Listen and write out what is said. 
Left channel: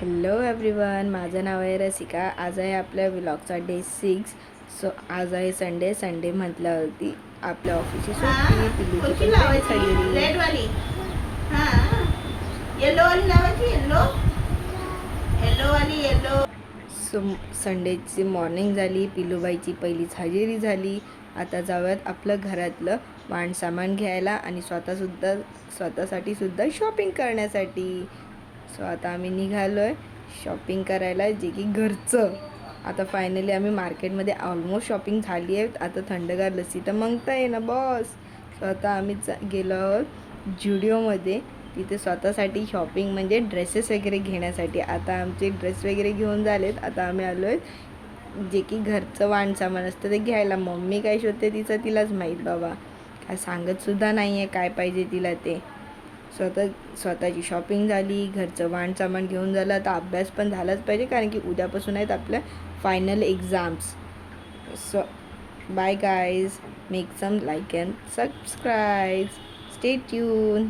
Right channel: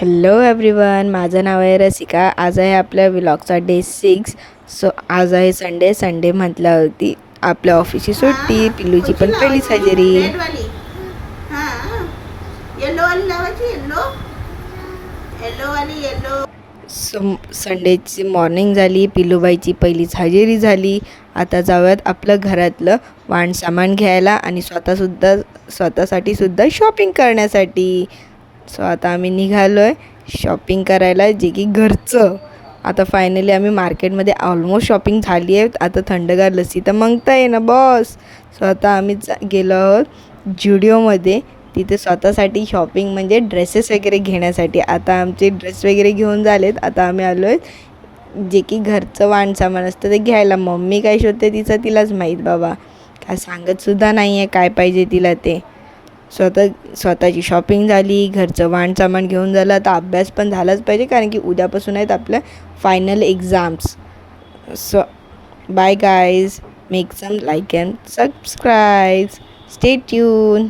Hello everyone, माझं नाव आहे रसिका. आज आहे आपल्या व्लॉगचा डे 6. सो आज आहे संडे म्हटल्यावरती आपल्या ऑफिसची सुट्टी, पिल्लूची पण पहिलीच हजेरी. सो संडेची मॉर्निंग झाली, पिल्लूबाईची पहिलीच हजेरी झाली. आता जाऊयात आपलं घरातलं वाण सामान घ्यायला आणि स्वतःसाठी सुद्धा शॉपिंग करण्यासाठी. सो आता आम्ही निघालो आहे शॉपिंग करायला, जे की घरचं. आता फायनली आम्ही मार्केटमध्ये ऑलमोस्ट शॉपिंग झाली आहे. आता थंडगार लस्सी तर मागता ये ना बॉस. सो आता आम्ही गेलो आहोत ज्युडिओमध्ये. तिथे स्वतःसाठी शॉपिंग म्हणजे ड्रेसेस वगैरे घेण्यासाठी. आता आमचे ड्रेस वगैरे घेऊन झालेत. आता आम्ही आलो आहे जे की घरचं वाण सामान असतं ते घ्यायला. मम्मी काय शोधते तिलाच माहीत बाबा, काय सांगतसुद्धा नाही आहे काय पाहिजे तिला ते. स्वतःची शॉपिंग झाली, घरचं वाण सामान घेऊन झालं. आता अभ्यास पण झालाच पाहिजे, कारण की उद्यापासून आहेत आपल्या final exams. So bye guys, make some like and subscribe, stay tune.